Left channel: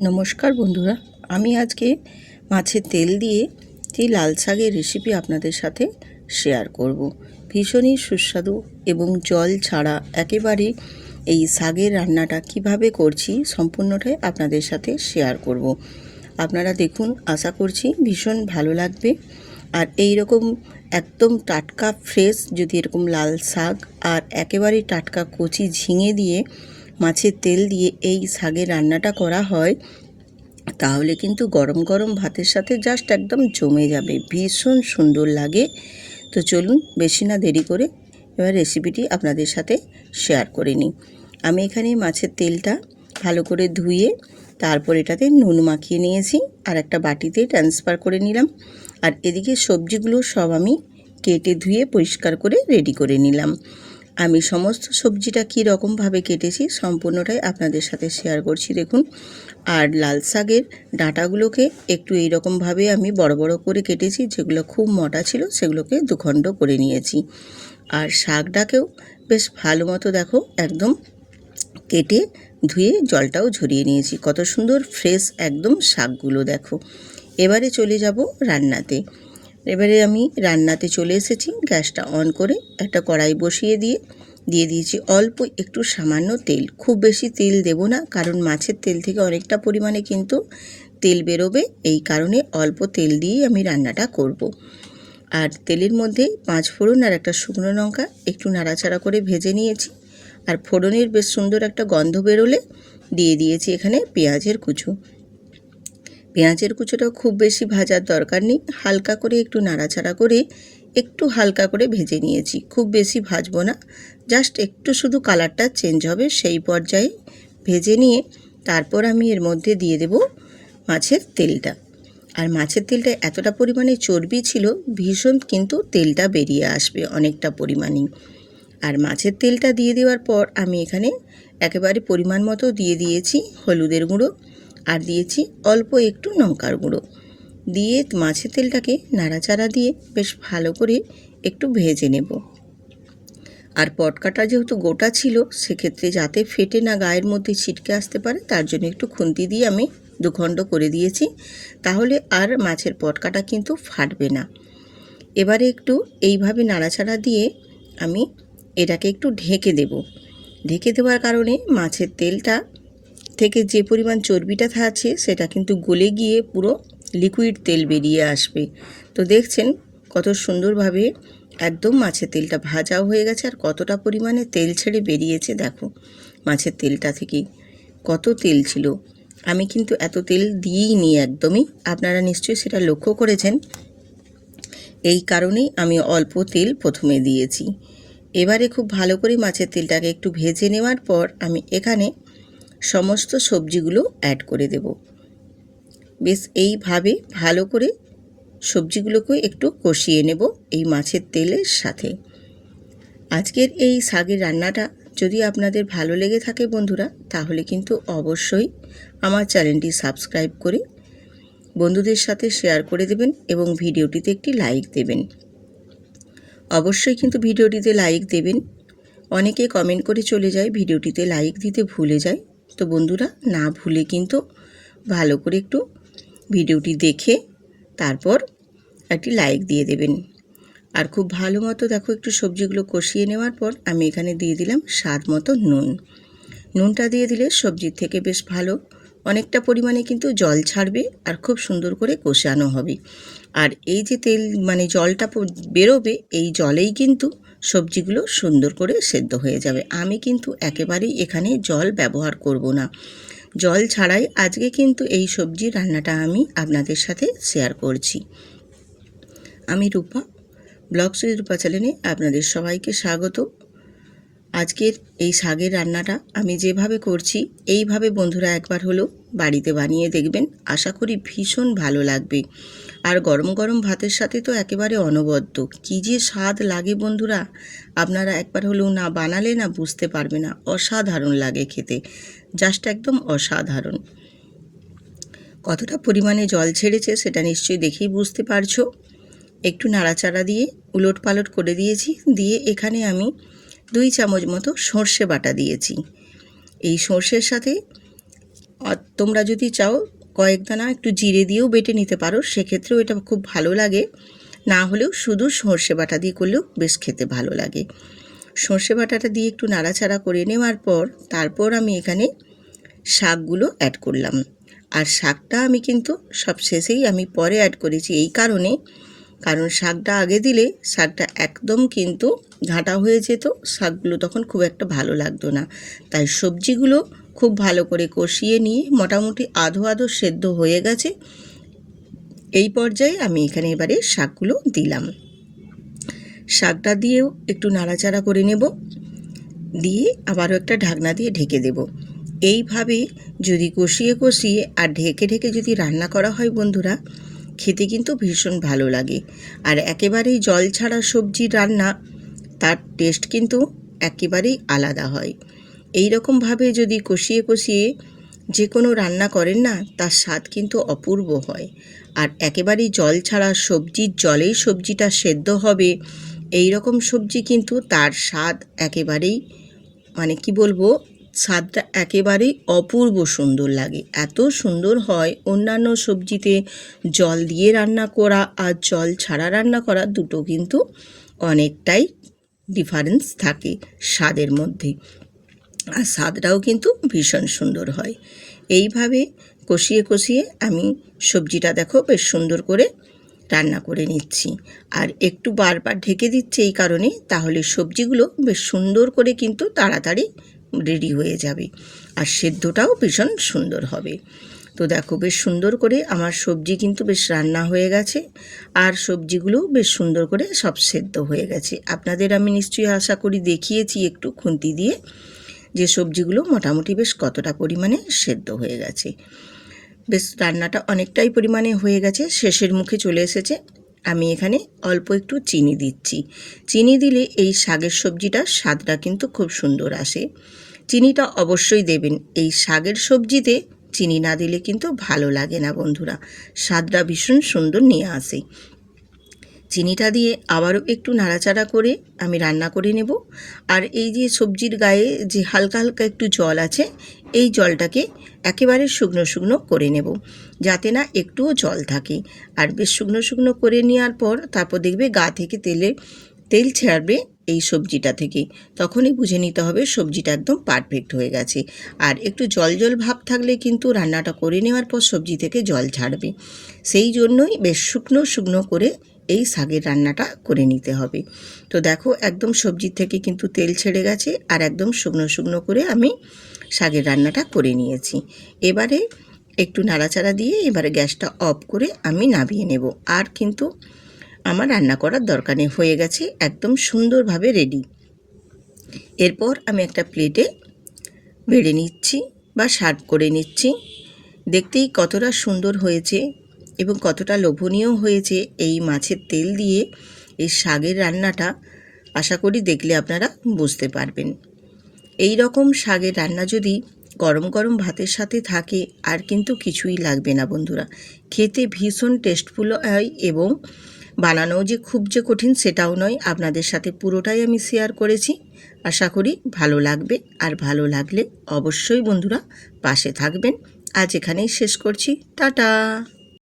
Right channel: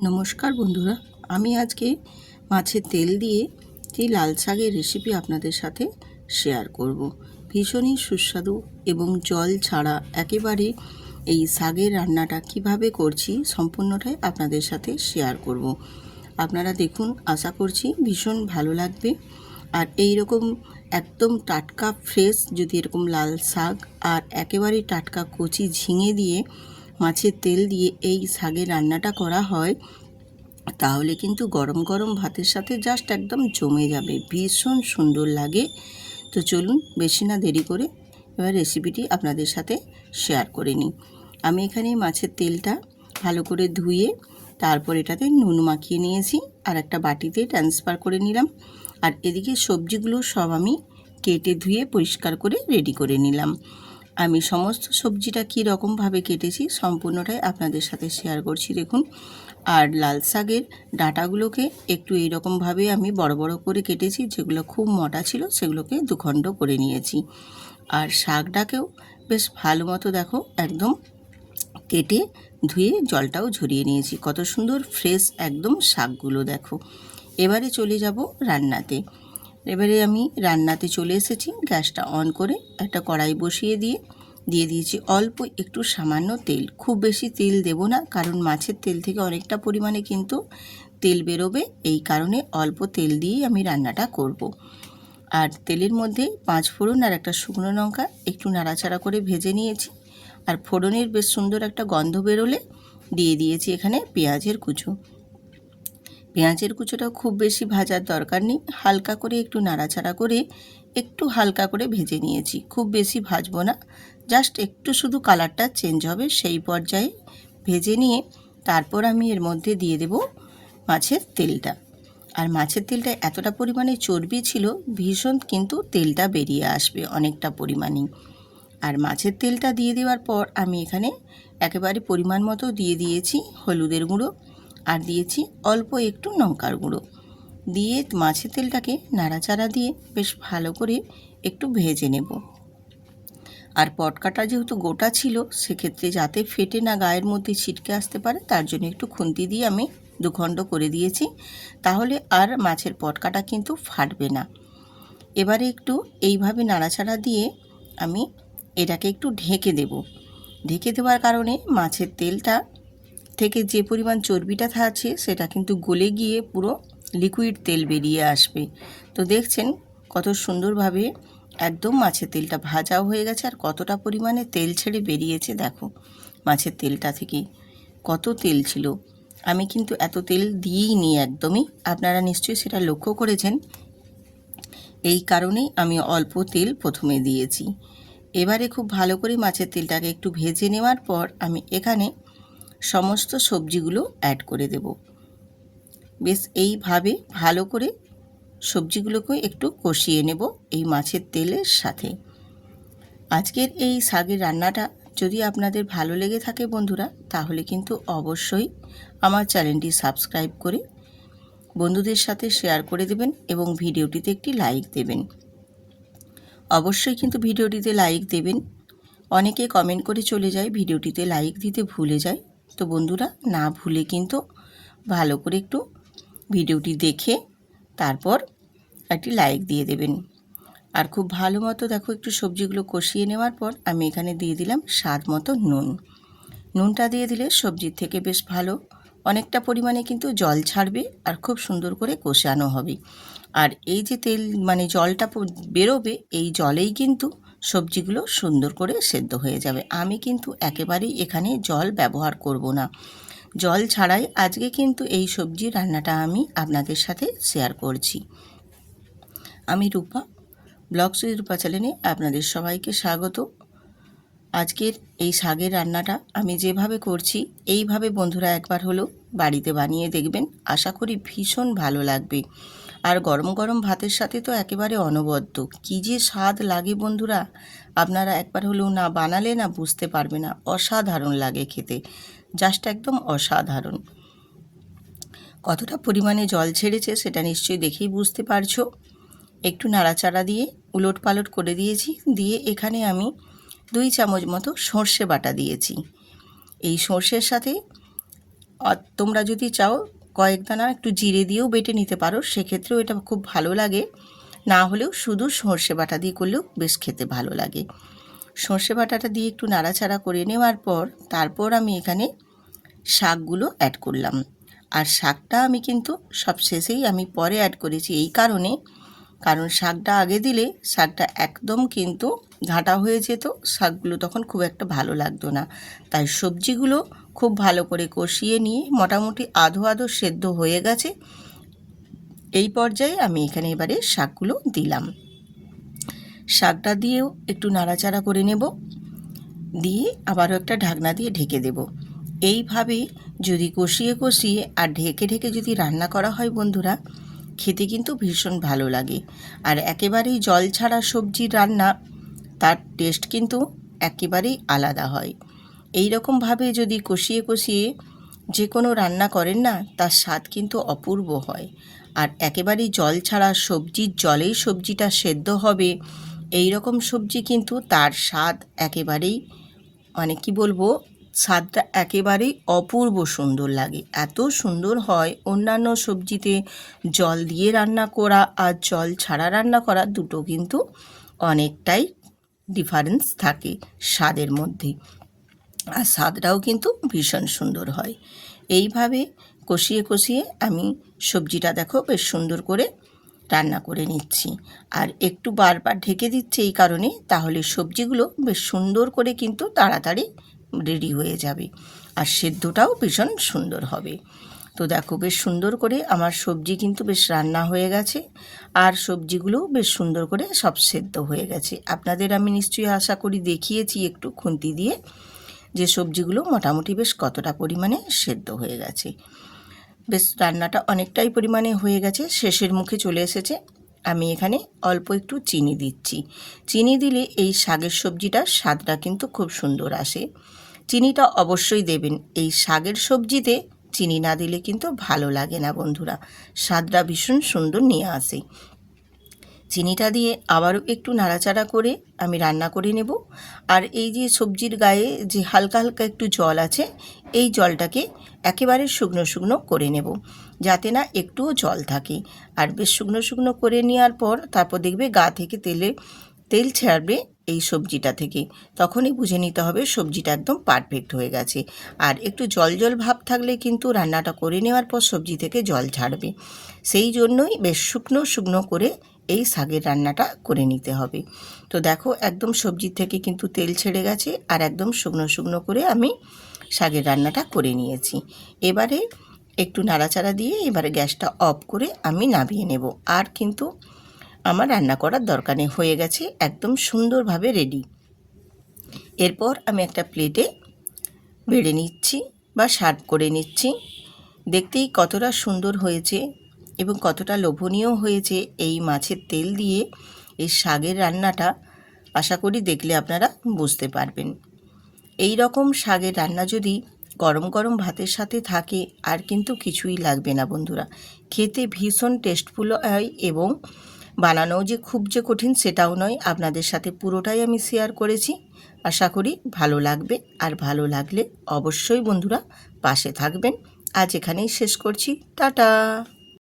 নমস্কার বন্ধুরা, আমি আজকে মাছের তেল দিয়ে যে লাল শাকের রেসিপি আপনাদের সাথে শেয়ার করব। ভীষণই সুস্বাদু এবং জল ছাড়া একেবারে এই শাকের রান্নাটা কিভাবে করছি সম্পূর্ণটাই আপনাদের সাথে শেয়ার করব। আপনারা দেখুন, আশা করছি ভীষণ ভালো লাগবে। আর এই রকম একদম টাটকা ফ্রেশ যদি এরকম লাল শাক আর একেবারেই টাটকা কচি ঝিঙে দিয়ে মাছের তেল দিয়ে এই শাকের রান্নাটা করা হয়, তাহলে কিন্তু গরম গরম ভাতের সাথে জাস্ট একদম জমে যাবে, ভীষণ সুন্দর লাগে। তো চলুন বেশি না দেরি করে এবার রেসিপিটি আপনাদের সাথে শেয়ার করে নিই। আমি এখানে মাছের তেলটা ভালো করে ধুয়ে তারপর এটাতে নুন মাখিয়ে নিয়েছি আর একটা বাটিতে ট্রান্সফার করে নিলাম। আর এদিকে সবজিগুলো সব আমি কেটে ধুয়ে পরিষ্কার করে রেডি করে নিলাম। আমি সমস্ত সবজিটা কী রকমভাবে কেটেছি সম্পূর্ণটাই আপনাদের সাথে শেয়ার করছি, দেখুন। আর লাল শাকের ডাঁটাগুলোকে একটু এই রকমভাবে আমি বড় বড় করে কেটেছি, যেগুলো খুব মোটা ছিল সেগুলোকে দুখণ্ড করে নিয়েছি। আর শাকটাকেও বেশ ভালো মতো দেখো একদম কেটে ধুয়ে জলটাও ঝরিয়ে নিয়েছি। কত সুন্দর ফ্রেশ একদম শাকগুলো দেখো। এবারে চলে যাব রান্নাতে। এবারে আমি রান্নাতে চলে এসেছি। গ্যাসটা অন করে একটা কড়াই বসিয়ে দিয়ে দিয়েছি অল্প একটু সামান্য তেল। খুব বেশি তেল দেব না, কারণ মাছের তেল থেকে অনেকটা পরিমাণে কিন্তু তেল বেরোবে, এই কারণে অল্প তেল দিয়েই আমি রান্নাটা করব। আর তেলের মধ্যে 5 ফোড়ন আর একটা শুকনো লঙ্কা একটু নাড়াচাড়া করে ভেজে নিয়েছি। আর ফোড়নের বেশ সুন্দর একটা গন্ধ বেরোলে দিয়ে দিয়েছি এখানে পেঁয়াজের কুচো। পেঁয়াজের কুচোটাও খুব বেশি ভাজার দরকার নেই, হালকা করে একটু নাড়াচাড়া করে একটু হালকা করে ভেজে নিয়েছি। খুব বেশি ভাজবো না, জাস্ট একটু শুধু কালারটা চেঞ্জ হবে সেই পর্যায়ে ভেজে নিয়ে তারপর আমি এর মধ্যে দিয়ে দেব মাছের তেলটা। আর মাছের তেলটা এতটা পরিমাণে চর্বি ছিল, ভীষণ কিন্তু তেলটা বেরিয়ে আসবে অনেকটা পরিমাণেই। আর মাছের তেলটা দিয়ে দেওয়ার পর আমি এখানে একেবারে পরিমাণ মতো দিয়ে দিয়েছি হলুদের গুঁড়ো আর দিয়েছি অল্প একটু লঙ্কার গুঁড়ো দিয়ে মাছের তেলটাকে নাড়াচাড়া দিয়ে বেশ ভালো করে একটু ভেজে নেব। আর পটকাটা যেহেতু গোটা ছিল, সেক্ষেত্রে যাতে ফেটে না গায়ের মধ্যে ছিটকে আসতে পারে তার জন্য একটু খুন্তি দিয়ে আমি দুখণ্ড করে দিয়েছি, তাহলে আর মাছের পটকাটা কিন্তু ফাটবে না। এবারে একটু এইভাবে নাড়াচাড়া দিয়ে আমি এটাকে একটু ঢেকে দেব। ঢেকে দেওয়ার কারণে মাছের তেলটা থেকে যে পরিমাণ চর্বিটা আছে সেটা কিন্তু গলে গিয়ে পুরো লিকুইড তেল বেরিয়ে আসবে। তো দেখছেন কত সুন্দরভাবে একদম মাছের তেলটা ভাজাও হয়ে গেছে আর কতটা পরিমাণে তেল ছেড়ে বেরিয়েছে দেখো। মাছের তেলটা থেকে কত তেল ছিল, আমি কিন্তু এত তেল দিইই নি একদমই, আপনারা নিশ্চয়ই সেটা লক্ষ্য করেছেন। এই কারণেই আমি অল্প তেল প্রথমে দিয়েছি। এবারে খুব ভালো করে মাছের তেলটাকে একটু ভেজে নেওয়ার পর আমি এখানে সমস্ত সবজিগুলো অ্যাড করে দেব। বেশ এইভাবে ভালো করে সবজিগুলোকে একটু কষিয়ে নেব এই মাছের তেলের সাথে। আজকের এই শাকের রান্নাটা যদি আপনাদের ভালো লেগে থাকে বন্ধুরা, তাহলে কিন্তু অবশ্যই আমার চ্যানেলটি সাবস্ক্রাইব করে বন্ধুদের সাথে শেয়ার করে দেবেন এবং ভিডিওটিতে একটি লাইক দেবেন। অবশ্যই কিন্তু ভিডিওটিতে লাইক দেবেন। অনেকে কমেন্ট করে চলে যায়, ভিডিওটিতে লাইক দিতে ভুলে যায়। তো বন্ধুরা, না ভুলে কিন্তু ভালো করে একটু ভিডিওটি দেখে তারপর একটি লাইক দিয়ে দেবেন। আর খুব ভালো মতো দেখো একটু সবজিগুলো কষিয়ে নেওয়ার পর আমি এখানে দিয়ে দিলাম স্বাদ মতো নুন। নুনটা দিয়ে দিলে সবজির থেকে বেশ ভালো অনেকটা পরিমাণে কিন্তু জল ছাড়বে আর খুব সুন্দর করে কষানো হবে। আর এই যে তেল জলটা বেরোবে, এই জলেই কিন্তু সবজিগুলো সুন্দর করে সেদ্ধ হয়ে যাবে। আমি কিন্তু একেবারেই এখানে জল ব্যবহার করব না, জল ছাড়াই আজকে কিন্তু এই সবজি রান্নাটা আমি আপনাদের সাথে শেয়ার করছি। আমি রূপা, ব্লগ সুইট রূপা চ্যানেলে আপনাদের সবাইকে স্বাগত। আজকের এই শাকের রান্নাটা আমি যেভাবে করছি এইভাবে বন্ধুরা একবার হলো বাড়িতে বানিয়ে দেখবেন, আশা করি ভীষণ ভালো লাগবে। আর গরম গরম ভাতের সাথে তো একেবারে অনবদ্য, কী যে স্বাদ লাগে বন্ধুরা, আপনারা একবার হলেও না বানালে না বুঝতে পারবে না, অসাধারণ লাগে খেতে, জাস্ট একদম অসাধারণ। কতটা পরিমাণে জল ছেড়েছে সেটা নিশ্চয়ই দেখেই বুঝতে পারছো। একটু নাড়াচাড়া দিয়ে উলট পালট করে দিয়েছি, দিয়ে এখানে আমি 2 চামচ মতো সর্ষে বাটা দিয়েছি। এই সর্ষের সাথে তোমরা যদি চাও কয়েক দানা একটু জিরে দিয়েও বেটে নিতে পারো, সেক্ষেত্রেও এটা খুব ভালো লাগে। না হলেও শুধু সর্ষে বাটা দিয়ে করলেও বেশ খেতে ভালো লাগে। সর্ষে বাটাটা দিয়ে একটু নাড়াচাড়া করে নেওয়ার পর তারপর আমি এখানে শাকগুলো অ্যাড করলাম। আর শাকটা আমি কিন্তু সব শেষেই আমি পরে অ্যাড করেছি, এই কারণ শাকটা আগে দিলে শাকটা একদম কিন্তু ঘাঁটা হয়ে যেত, শাকগুলো তখন খুব একটা ভালো লাগতো না। তাই সবজিগুলো খুব ভালো করে কষিয়ে নিয়ে মোটামুটি আধো আধো সেদ্ধ হয়ে গেছে। এই পর্যায়ে আমি এখানে এবারে শাকগুলো দিলাম। শাকটা দিয়েও একটু নাড়াচাড়া করে নেব, দিয়ে আবারও একটা ঢাকনা দিয়ে ঢেকে দেব। এইভাবে যদি কষিয়ে কষিয়ে আর ঢেকে ঢেকে যদি রান্না করা হয় বন্ধুরা, খেতে কিন্তু ভীষণ ভালো লাগে। আর একেবারেই জল ছাড়া সবজির রান্না, তার টেস্ট কিন্তু একেবারেই আলাদা হয়। এই রকমভাবে যদি কষিয়ে কষিয়ে যে কোনো রান্না করেন না, তার স্বাদ কিন্তু অপূর্ব হয়। আর একেবারেই জল ছাড়া সবজির জলেই সবজিটা সেদ্ধ হবে, এই রকম সবজি কিন্তু তার স্বাদ একেবারেই কি বলবো, স্বাদটা একেবারেই অপূর্ব সুন্দর লাগে। এত সুন্দর হয়, অন্যান্য সবজিতে জল দিয়ে রান্না করা আর জল ছাড়া রান্না করা দুটো কিন্তু অনেকটাই ডিফারেন্স থাকে স্বাদের মধ্যে, আর স্বাদটাও কিন্তু ভীষণ সুন্দর হয়। এইভাবে কষিয়ে কষিয়ে আমি সবজিটা দেখো বেশ সুন্দর করে রান্না করে নিচ্ছি। আর একটু বারবার ঢেকে দিচ্ছি এই কারণে, তাহলে সবজিগুলো বেশ সুন্দর করে কিন্তু তাড়াতাড়ি রেডি হয়ে যাবে আর সেদ্ধটাও ভীষণ সুন্দর হবে। তো দেখো বেশ সুন্দর করে আমার সবজি কিন্তু বেশ রান্না হয়ে গেছে, আর সবজিগুলো বেশ সুন্দর করে সব সেদ্ধ হয়ে গেছে। আপনাদের আমি নিশ্চয়ই আশা করি দেখিয়েছি একটু খুন্তি দিয়ে যে সবজিগুলো মোটামুটি বেশ কতটা পরিমাণে সেদ্ধ হয়ে গেছে। বেশ রান্নাটা অনেকটাই পরিমাণে হয়ে গেছে, শেষের মুখে চলে এসেছে। আমি এখানে অল্প একটু চিনি দিচ্ছি। চিনি দিলে এই শাকের সবজিটার স্বাদটা কিন্তু খুব সুন্দর আসে। চিনিটা অবশ্যই দেবেন, এই শাকের সবজিতে চিনি না দিলে কিন্তু ভালো লাগে না বন্ধুরা, স্বাদটা ভীষণ সুন্দর নিয়ে আসে। চিনিটা দিয়ে আবারও একটু নাড়াচাড়া করে আমি রান্না করে নেব। আর এই যে সবজির গায়ে যে হালকা হালকা একটু জল আছে, এই জলটাকে একেবারে শুকনো শুকনো করে নেব, যাতে না একটুও জল থাকে। আর বেশ শুকনো শুকনো করে নেওয়ার পর তারপর দেখবে গা থেকে তেল ছাড়বে এই সবজিটা থেকে, তখনই বুঝে নিতে হবে সবজিটা একদম পারফেক্ট হয়ে গেছে। আর একটু জল জল ভাব থাকলে কিন্তু রান্নাটা করে নেওয়ার পর সবজি থেকে জল ছাড়বে, সেই জন্যই বেশ শুকনো শুকনো করে এই শাকের রান্নাটা করে নিতে হবে। তো দেখো একদম সবজির থেকে কিন্তু তেল ছেড়ে গেছে, আর একদম শুকনো শুকনো করে আমি শাকের রান্নাটা করে নিয়েছি। এবারে একটু নাড়াচাড়া দিয়ে এবারে গ্যাসটা অফ করে আমি নামিয়ে নেব। আর কিন্তু আমার রান্না করার দরকার নেই, হয়ে গেছে একদম সুন্দরভাবে রেডি। এরপর আমি একটা প্লেটে বেড়ে নিচ্ছি বা সার্ভ করে নিচ্ছি। দেখতেই কতটা সুন্দর হয়েছে এবং কতটা লোভনীয় হয়েছে এই মাছের তেল দিয়ে এই শাকের রান্নাটা, আশা করি দেখলে আপনারা বুঝতে পারবেন। এই রকম শাকের রান্না যদি গরম গরম ভাতের সাথে থাকে আর কিন্তু কিছুই লাগবে না বন্ধুরা, খেতে ভীষণ টেস্টফুল হয় এবং বানানোও যে খুব যে কঠিন সেটাও নয়। আপনাদের সাথে পুরোটাই আমি শেয়ার করেছি, আশা করি ভালো লাগবে। আর ভালো লাগলে অবশ্যই বন্ধুরা পাশে থাকবেন। আজ এখানেই শেষ করছি, টাটা।